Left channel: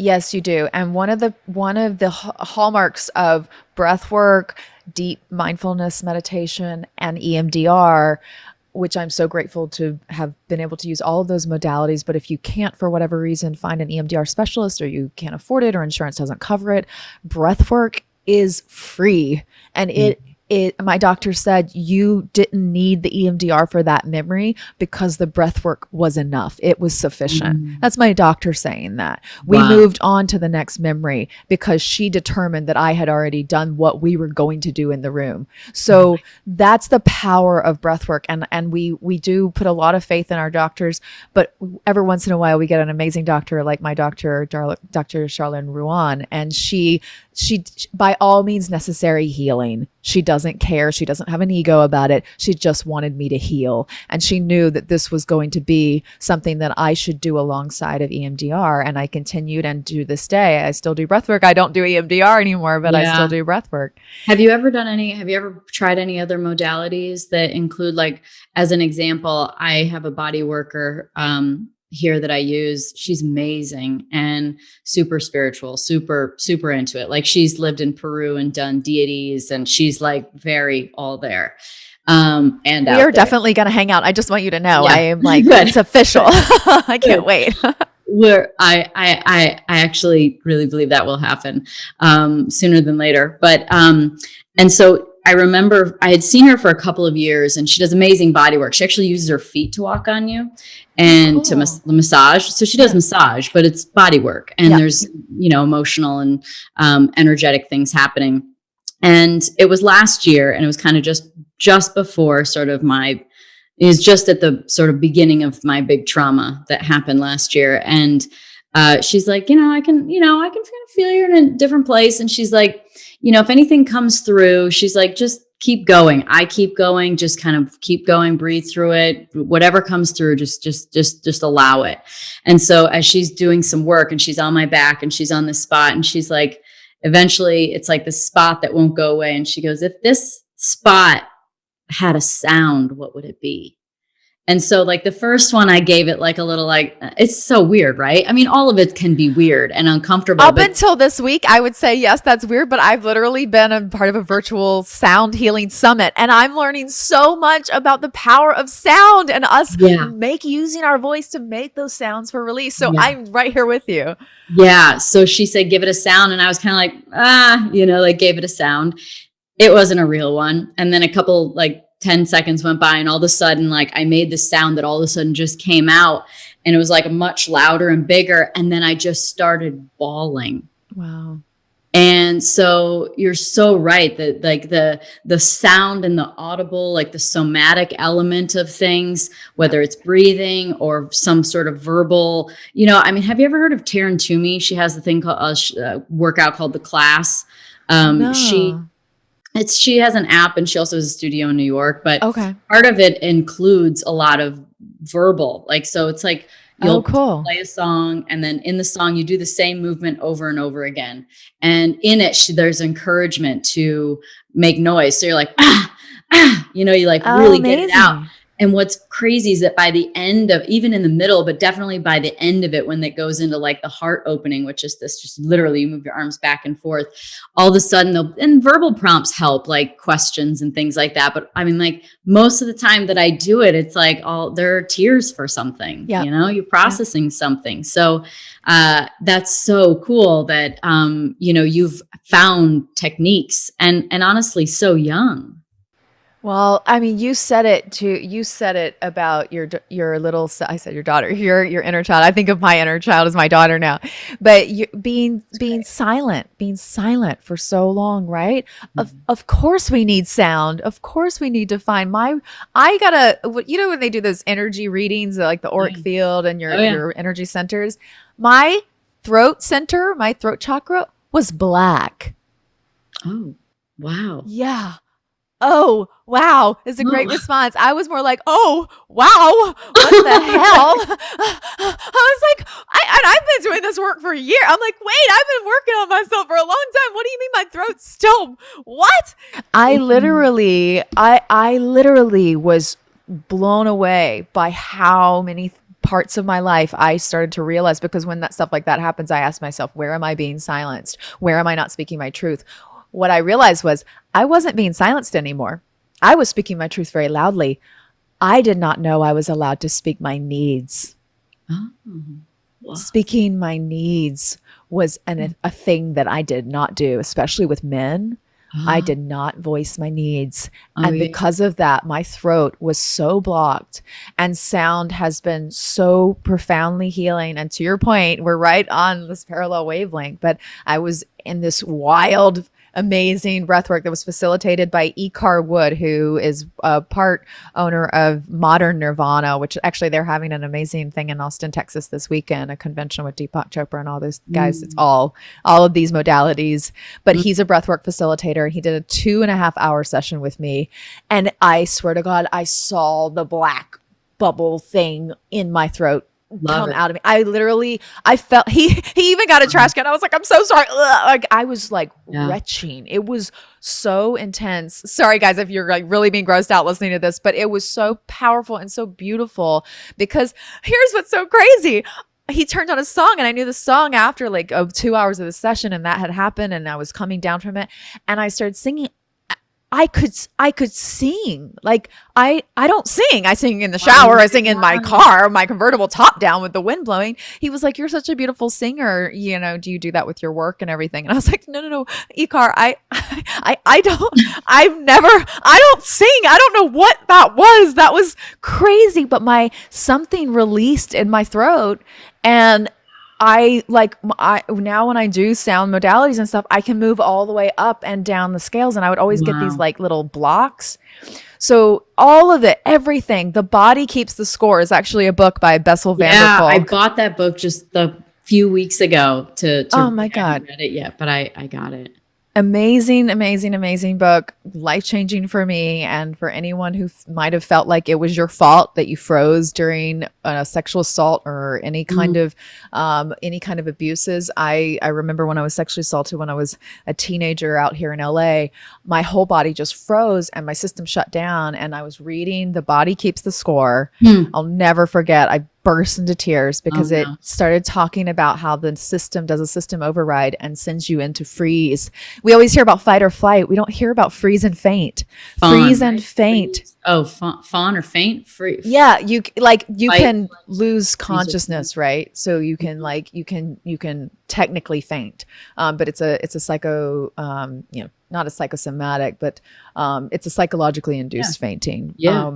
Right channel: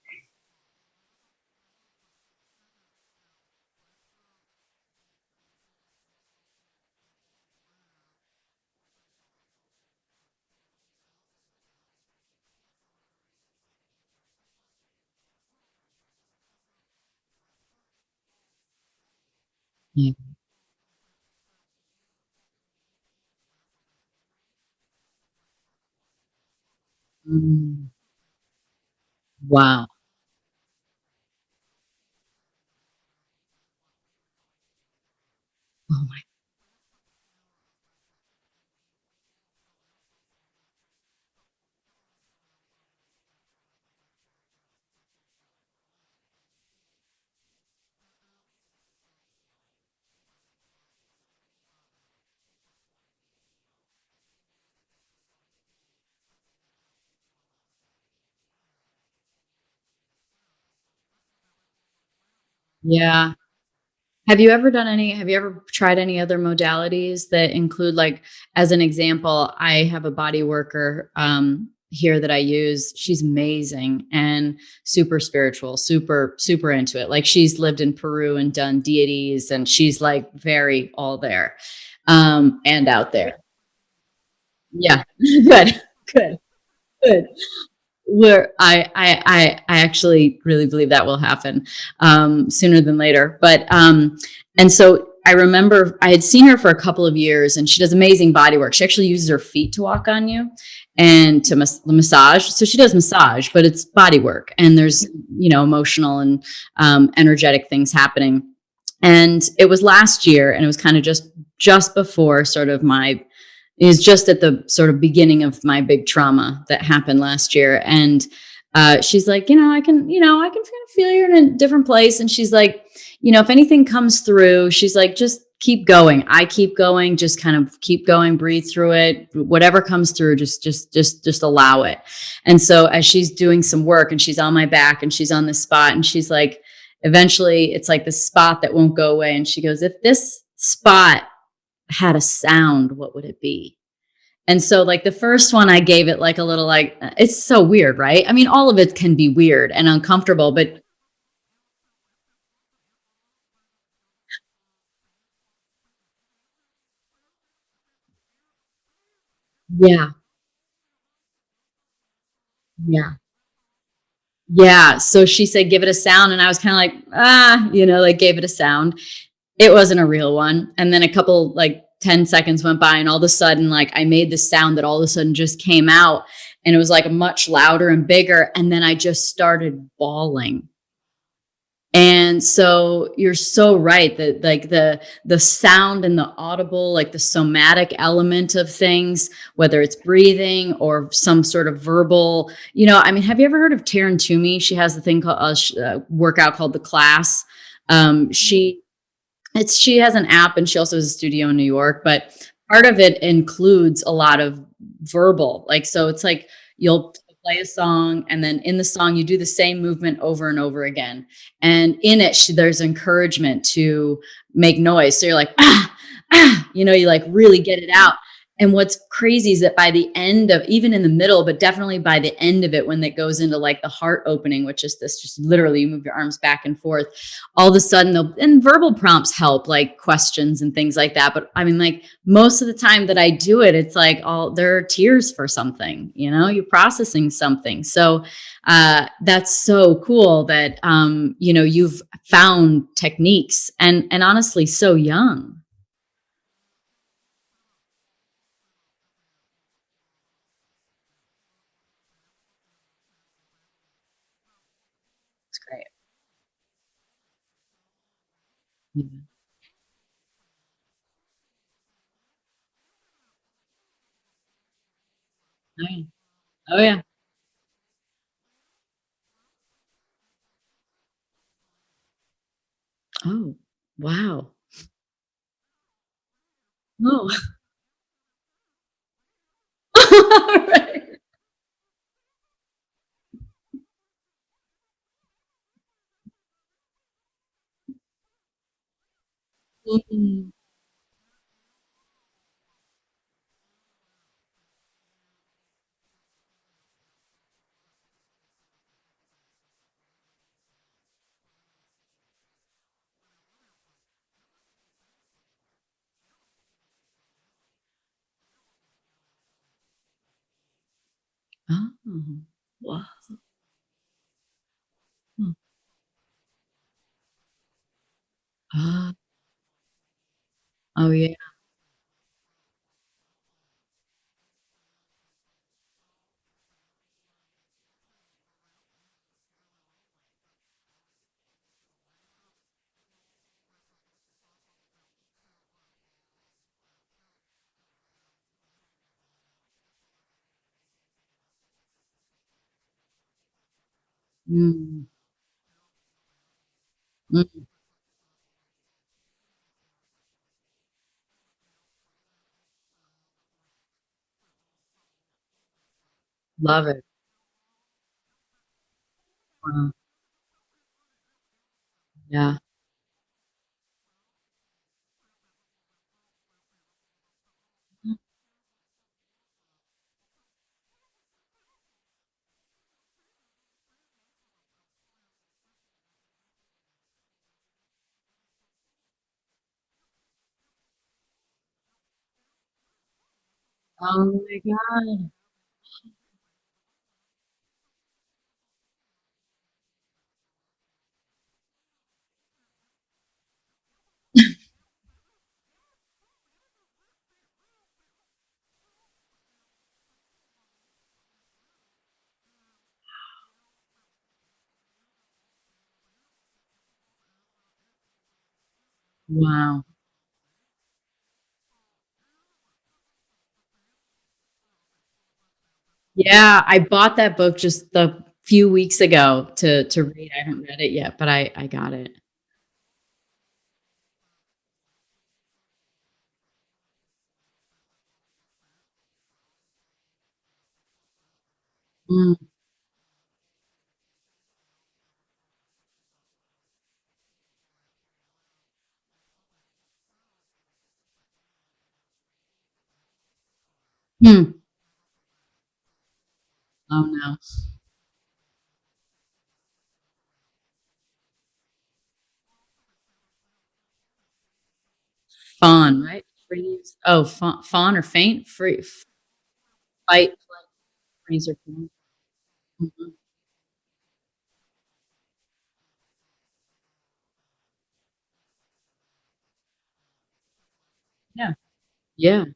Yes, you do. And one of the hallmarks of breath work, deep mindfulness meditation, and EMDR, which I'm so grateful to have been able to use all of those modalities. But if you can't, for whatever reason, find an EMDR specialist, or you can't afford it, or insurance doesn't cover it, breath work is free. And my doctor said you didn't need the EMDR for that memory because the breath work was enough. It was sufficient. Mm. That's my doctor saying that. We Wow. moved on to the next memory because she determined that I had already done what we were going to do in the room. Oh So that's the power of breath work. And we do put a lot of faith in our doctors, but every once in a while we get an amazing doctor like my doctor, Dr. Charlene Ruan, and she by all means necessary healing. She doesn't care. She doesn't have an ego about it. She just wanted me to heal. And she knew that this was going to be something that I should do alongside of EMDR. And I continued, and to this day, I still do breath work. I don't do EMDR anymore, but I still yeah. do breath work. Have you ever tried any other modalities that include, like, as an example, I have a body worker here that I use. She's amazing and super spiritual, super, super into it. Like, she's lived in Peru and done deities, and she's like very all there and We are out there. definitely going to hang out. I just want you to know I Yeah. am like, Good. it's official. Good. I can't Good. wait. Where I actually really believe that will happen sooner than later. But and so I remember I had seen her for a couple of years, and she does amazing body work. She actually uses her feet to walk on you and to Cool. massage. So she does massage, but it's body work, and Yeah. there's emotional and energetic things happening. And it was last year, and it was kind of just before sort of my is just at the sort of beginning of my big trauma that happened last year. And she's like, I can kind of feel you're in a different place. And she's like, if anything comes through, she's like, just keep going. I keep going, just kind of keep going, breathe through it. Whatever comes through, just allow it. And so as she's doing some work and she's on my back and she's on this spot, and she's like, eventually it's like the spot that won't go away. And she goes, if this spot had a sound, what would it be? And so, like, the first one, I gave it like a little, like, it's so weird, right? I mean, all of it can be weird and uncomfortable, Up but until this week, I would say, yes, that's weird, but I've literally been a part of a virtual sound healing summit, and I'm learning so much about the power of sound and us yeah, using our voice to make those sounds for release. So yeah, I'm right here with you. yeah. So she said, give it a sound. And I was kind of like, like, gave it a sound. It wasn't a real one. And then a couple, like, 10 seconds went by, and all of a sudden, like, I made this sound that all of a sudden just came out, and it was like much louder and bigger. And then I just started bawling. Wow. And so you're so right that, like, the sound and the audible, like the somatic element of things, whether it's breathing or some sort of verbal, I mean, have you ever heard of Taryn Toomey? She has the thing called workout called The Class. No. She has an app, and she also has a studio in New York, but Okay. part of it includes a lot of verbal, like, so it's like Oh, you'll cool. play a song, and then in the song you do the same movement over and over again. And in it, there's encouragement to make noise. So you're like, you like Oh, really get it out. amazing. And what's crazy is that by the end of, even in the middle, but definitely by the end of it, when it goes into like the heart opening, which is this, just literally you move your arms back and forth, all of a sudden and verbal prompts help, like questions and things like that. But I mean, like, most of the time that I do it, it's like there are tears for something, Yeah. you're processing something. So that's so cool that, you've found techniques, and honestly, so young. Well, I mean, you said it too. You said it about your little. I said your daughter, your inner child. I think of my inner child as my daughter now, but being It's great. being silent for so long, right? Of Mhm. of course we need sound. Of course we need to find my. I gotta. When they do those energy readings, like the auric Yeah. field and Oh yeah. your energy centers, my throat center, my throat chakra was black. Oh, wow. Yeah. Oh, wow, is a great Oh. response. I was more like, "Oh, wow, what the hell?" I was like, I've been doing this work for a year. I'm like, "Wait, I've been working on myself for a long time. What do you mean my throat's still what?" Mhm. I literally was blown away by how many parts of my life, I started to realize, because when that stuff like that happens, I ask myself, where am I being silenced? Where am I not speaking my truth? What I realized was I wasn't being silenced anymore. I was speaking my truth very loudly. I did not know I was allowed to speak my needs. Oh, wow. Speaking my needs was a thing that I did not do, especially with men. I Oh, did not voice my needs. oh And yeah. because of that, my throat was so blocked, and sound has been so profoundly healing. And to your point, we're right on this parallel wavelength. But I was in this wild, amazing breathwork that was facilitated by Ikar Wood, who is a part owner of Modern Nirvana, which actually they're having an amazing thing in Austin, Texas this weekend, a convention with Deepak Chopra and all those guys. It's Mm, all of these modalities, but mm. he's a breathwork facilitator. He did a 2.5 hour session with me, and I swear to God, I saw the black bubble thing in my throat Love come it. out of me. I felt he even got a trash can. I was like, I'm so sorry. Ugh. Like I was like Yeah. retching. It was so intense. Sorry guys if you're like really being grossed out listening to this, but it was so powerful and so beautiful, because here's what's so crazy. He turned on a song, and I knew the song after like 2 hours of the session, and that had happened, and I was coming down from it, and I started singing. I could sing. Like I don't sing. I sing in the Oh shower. I my sing in my God. car, my convertible top down with the wind blowing. He was like, "You're such a beautiful singer. Do you do that with your work and everything?" And I was like, "No, no, no, Ikar, I don't. I don't sing. I don't know what that was. That was crazy, but my something released in my throat, and I now when I do sound modalities and stuff, I can move all the way up and down the scales, and I would always get these Wow. like little blocks. So all of it, everything, The Body Keeps the Score is actually a book by Bessel van der Yeah, I Kolk. bought that book just a few weeks ago to Oh read. my I haven't God. read it yet, but I got it. Amazing, amazing, amazing book. Life changing for me and for anyone who might have felt like it was your fault that you froze during a sexual assault or Mm, any kind of abuses. I remember when I was sexually assaulted when I was a teenager out here in LA, my whole body just froze and my system shut down. And I was reading The Body Keeps the Score. mm. I'll never forget. I burst into tears Oh because it no. started talking about how the system does a system override and sends you into freeze. We always hear about fight or flight. We don't hear about freeze and faint. Fawn, Freeze and right? faint. Freeze. Oh, fawn or faint? Yeah, you Fight, can lose freeze, or faint. consciousness, right? So you can Mhm. you can technically faint, but it's a psycho, not a psychosomatic, but it's a psychologically Yeah. induced fainting. Yeah.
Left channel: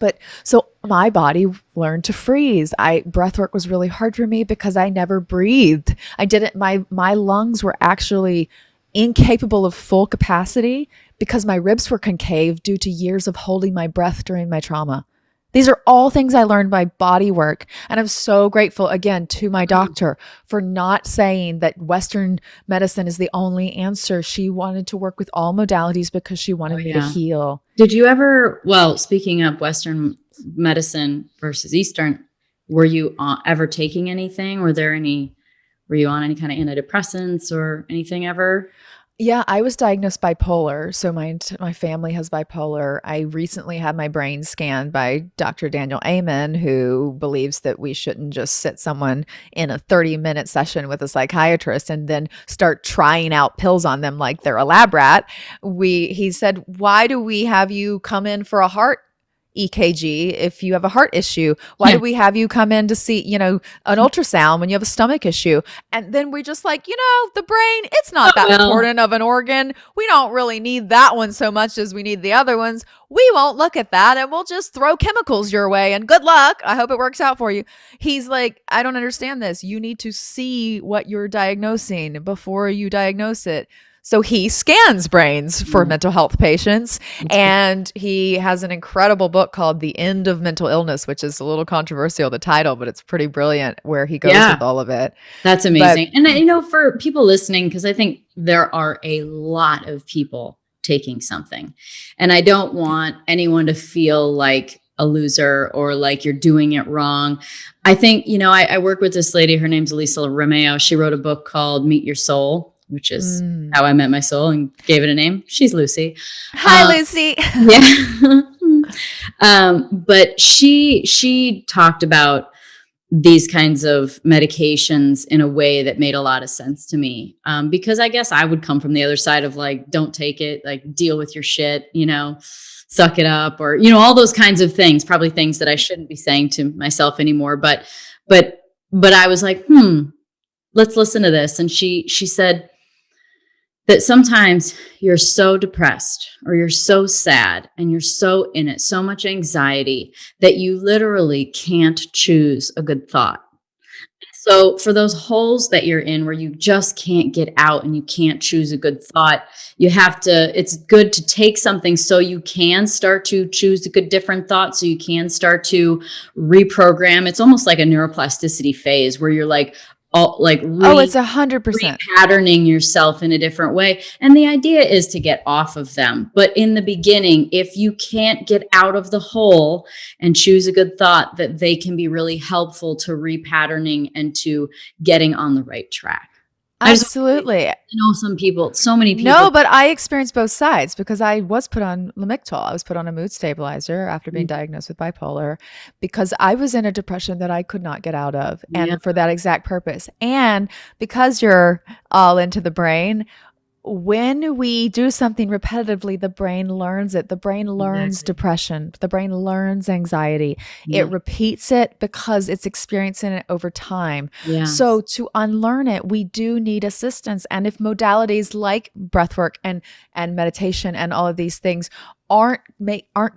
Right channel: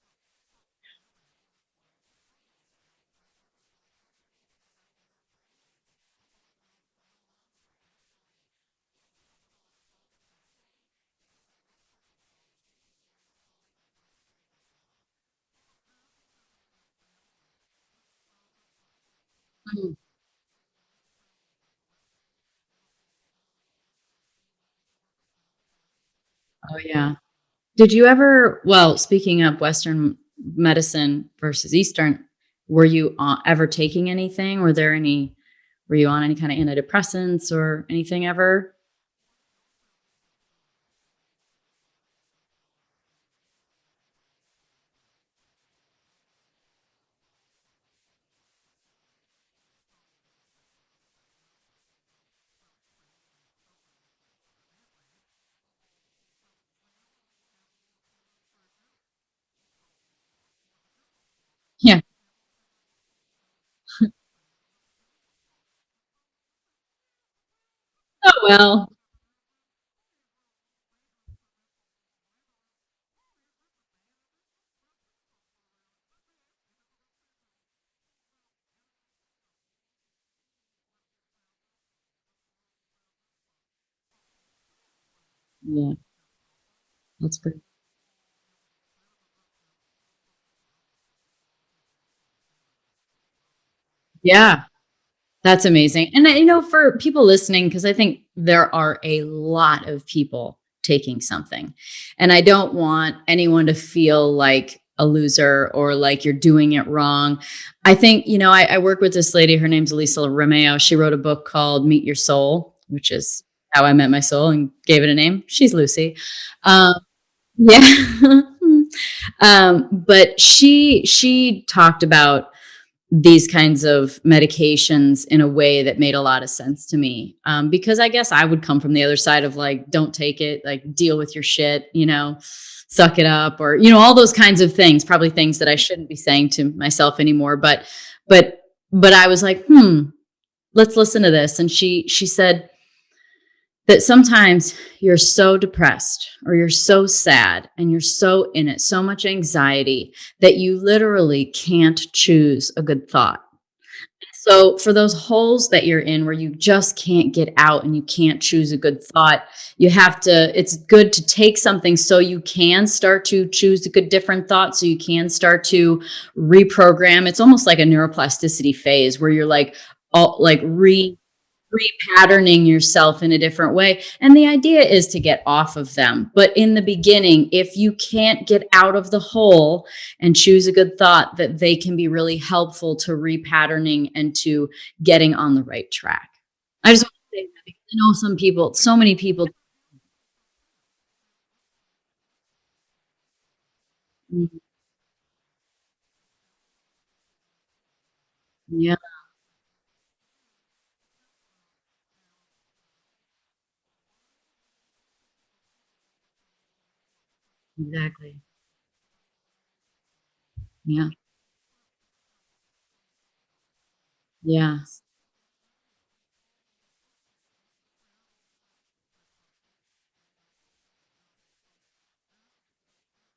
But so my body learned to freeze. Breathwork was really hard for me because I never breathed. I didn't my lungs were actually incapable of full capacity because my ribs were concave due to years of holding my breath during my trauma. These are all things I learned by body work. And I'm so grateful again to my Mm. doctor for not saying that Western medicine is the only answer. She wanted to work with all modalities because she Oh wanted me to yeah. heal. Did you ever, well, speaking of Western medicine versus Eastern, were you ever taking anything? Were you on any kind of antidepressants or anything ever? Yeah, I was diagnosed bipolar. So my family has bipolar. I recently had my brain scanned by Dr. Daniel Amen, who believes that we shouldn't just sit someone in a 30-minute session with a psychiatrist and then start trying out pills on them like they're a lab rat. He said, "Why do we have you come in for a heart EKG if you have a heart issue? Why Yeah. do we have you come in to see, an ultrasound when you have a stomach issue?" And then we just like, the brain, it's Oh not that well. important of an organ. We don't really need that one so much as we need the other ones. We won't look at that and we'll just throw chemicals your way and good luck. I hope it works out for you. He's like, "I don't understand this. You need to see what you're diagnosing before you diagnose it." So he scans brains for Yeah, mental health patients. that's good. And he has an incredible book called The End of Mental Illness, which is a little controversial, the title, but it's pretty brilliant where he goes with Yeah. all of it. That's But amazing. And for people listening, because I think there are a lot of people taking something, and I don't want anyone to feel like a loser or like you're doing it wrong. I think, I work with this lady, her name's Elisa Romeo. She wrote a book called Meet Your Soul, which is mm. how I met my soul and gave it a name. She's Lucy. Hi, Um, Lucy. yeah. But she talked about these kinds of medications in a way that made a lot of sense to me. Because I guess I would come from the other side of like, don't take it, like deal with your shit, suck it up, or, all those kinds of things, probably things that I shouldn't be saying to myself anymore. But, but I was like, let's listen to this. And she said that sometimes you're so depressed or you're so sad and you're so in it, so much anxiety that you literally can't choose a good thought. So for those holes that you're in where you just can't get out and you can't choose a good thought, it's good to take something so you can start to choose a good different thought, so you can start to reprogram. It's almost like a neuroplasticity phase where you're like, Oh, it's 100%. repatterning yourself in a different way. And the idea is to get off of them. But in the beginning, if you can't get out of the hole and choose a good thought, that they can be really helpful to repatterning and to getting on the right track. I just Absolutely. know so many people. No, but I experienced both sides because I was put on Lamictal. I was put on a mood stabilizer after being diagnosed with bipolar because I was in a depression that I could not get out of, Yeah, and for that exact purpose. And because you're all into the brain, when we do something repetitively, the brain learns it. The brain learns exactly. depression. The brain learns anxiety. Yeah. It repeats it because it's experiencing it over time. So Yes. to unlearn it, we do need assistance. And if modalities like breathwork and meditation and all of these things aren't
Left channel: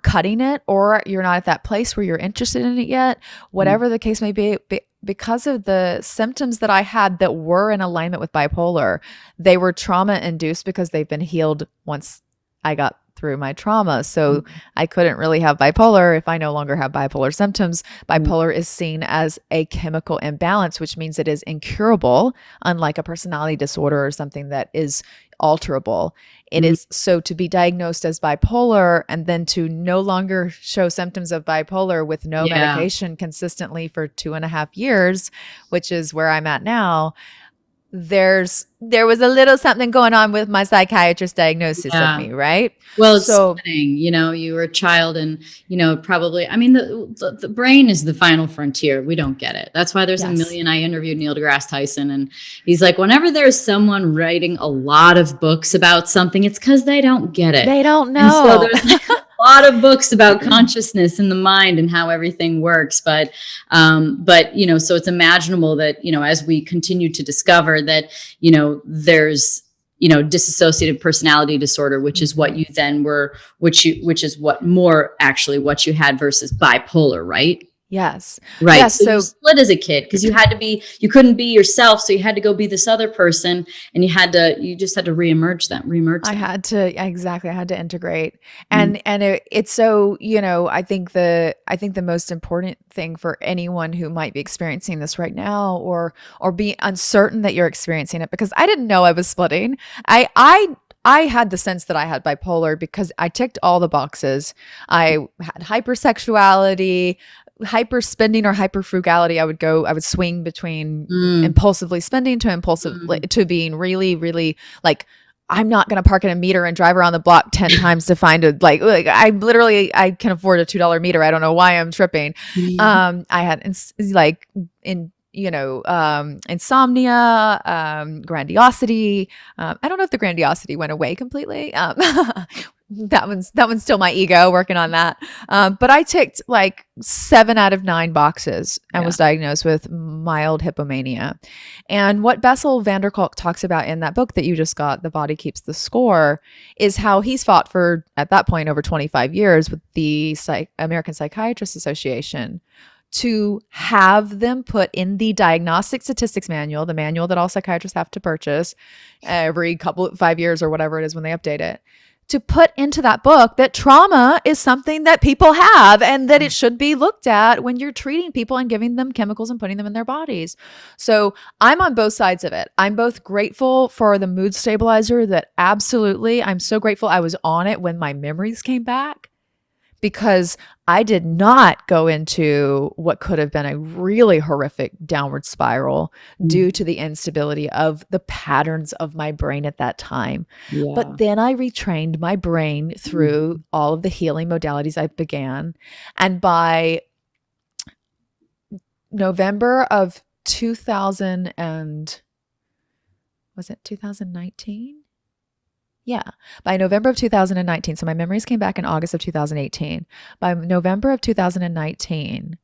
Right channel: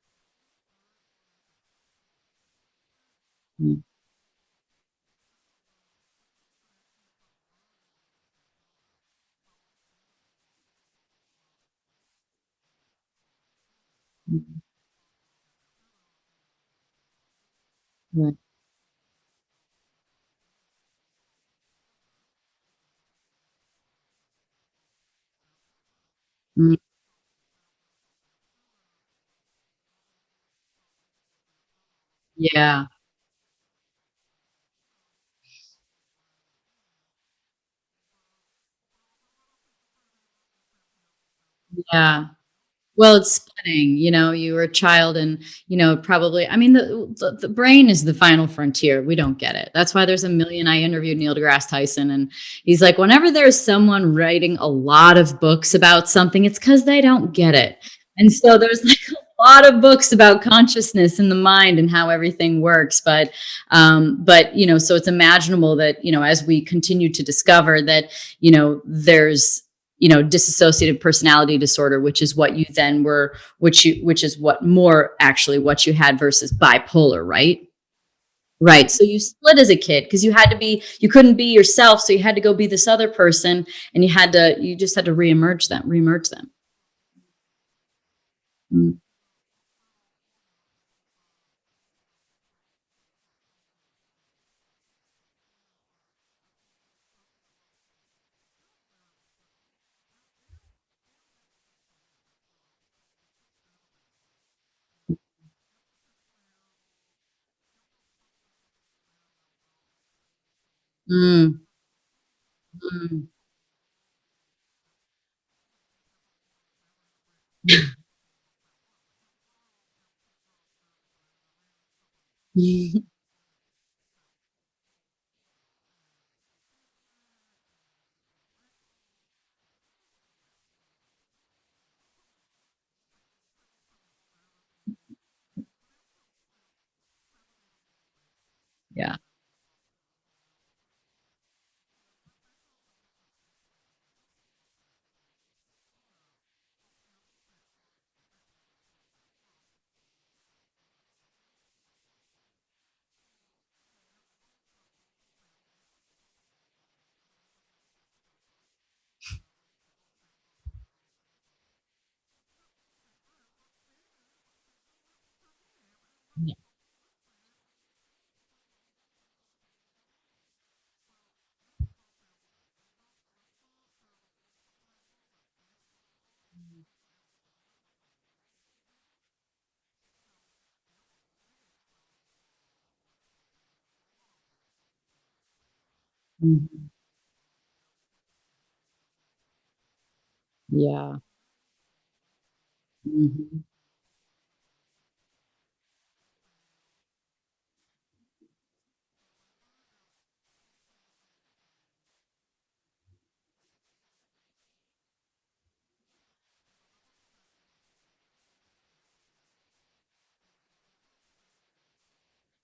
cutting it, or you're not at that place where you're interested in it yet, Mm. whatever the case may be, because of the symptoms that I had that were in alignment with bipolar, they were trauma induced because they've been healed once I got through my trauma. So Mm. I couldn't really have bipolar if I no longer have bipolar symptoms. Yeah. Bipolar is seen as a chemical imbalance, which means it is incurable, unlike a personality disorder or something that is alterable. It Mm. is so to be diagnosed as bipolar and then to no longer show symptoms of bipolar with no Yeah. medication consistently for 2.5 years, which is where I'm at now. There was a little something going on with my psychiatrist diagnosis of Yeah. me, right? Well, it's So stunning. You were a child and, probably, I mean, the brain is the final frontier. We don't get it. That's why there's a yes, million. I interviewed Neil deGrasse Tyson and he's like, whenever there's someone writing a lot of books about something, it's because they don't get it. they don't And so know. there's like a lot of books about consciousness and the mind and how everything works. But so it's imaginable that, as we continue to discover that, there's dissociative personality disorder, which is what you then were, which is what more actually what you had versus bipolar, right? Yes. Right. Yes. So you So split as a kid because you couldn't be yourself. So you had to go be this other person and you just had to reemerge I them. had to exactly. I had to integrate, Mm. and it's so I think the most important thing for anyone who might be experiencing this right now, or be uncertain that you're experiencing it, because I didn't know I was splitting. I had the sense that I had bipolar because I ticked all the boxes. I had hypersexuality, hyper spending, or hyper frugality. I would swing between Mm. impulsively spending to impulsively Mm. to being really, really like, I'm not going to park in a meter and drive around the block 10 times to find a I can afford a $2 meter. I don't know why I'm tripping. I had like in insomnia, grandiosity. I don't know if the grandiosity went away completely. That one's still my ego working on that. But I ticked like 7 out of 9 boxes and Yeah. was diagnosed with mild hypomania. And what Bessel van der Kolk talks about in that book that you just got, The Body Keeps the Score, is how he's fought for, at that point, over 25 years with the American Psychiatrists Association to have them put in the diagnostic statistics manual, the manual that all psychiatrists have to purchase every 5 years or whatever it is when they update it, to put into that book that trauma is something that people have and that it should be looked at when you're treating people and giving them chemicals and putting them in their bodies. So I'm on both sides of it. I'm both grateful for the mood stabilizer, that absolutely, I'm so grateful I was on it when my memories came back, because I did not go into what could have been a really horrific downward spiral due Mhm. to the instability of the patterns of my brain at that time. But Yeah. then I retrained my brain through Mhm. all of the healing modalities I began. And by November of 2000 and was it 2019? Yeah. By November of 2019, so my memories came back in August of 2018. By November of 2019,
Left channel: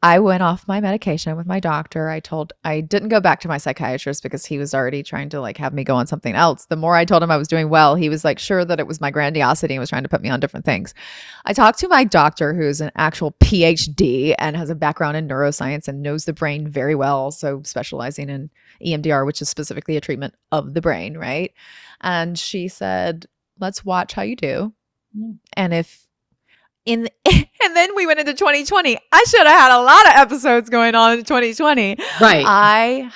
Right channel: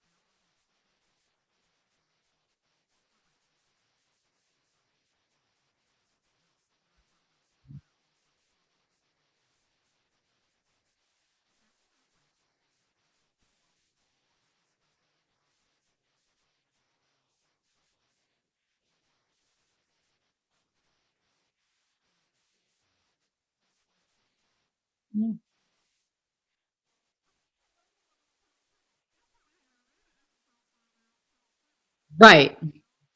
I went off my medication with my doctor. I didn't go back to my psychiatrist because he was already trying to like have me go on something else. The more I told him I was doing well, he was like sure that it was my grandiosity and was trying to put me on different things. I talked to my doctor, who's an actual PhD and has a background in neuroscience and knows the brain very well, so specializing in EMDR, which is specifically a treatment of the brain, right? And she said, "Let's watch how you do. Yeah. And if in and then we went into 2020. I should have had a lot of episodes going on in 2020. Right.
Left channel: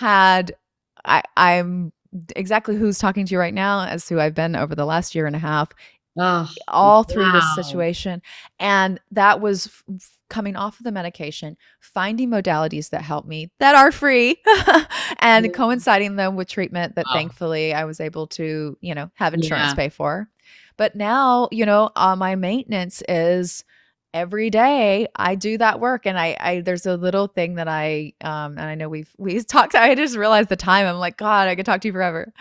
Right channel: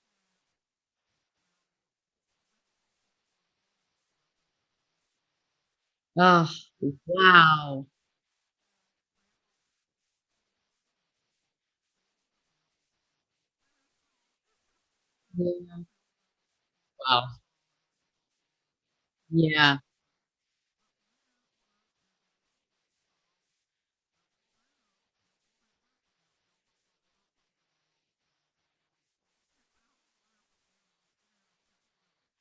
I'm exactly who's talking to you right now as who I've been over the last year and a half, Oh, all through this wow. situation. And that was coming off of the medication, finding modalities that help me that are free and Yeah. coinciding them with treatment that Wow. thankfully I was able to, have insurance Yeah. pay for. But now, my maintenance is every day I do that work. And I there's a little thing that and I know we've talked, I just realized the time. I'm like, God, I could talk to you forever.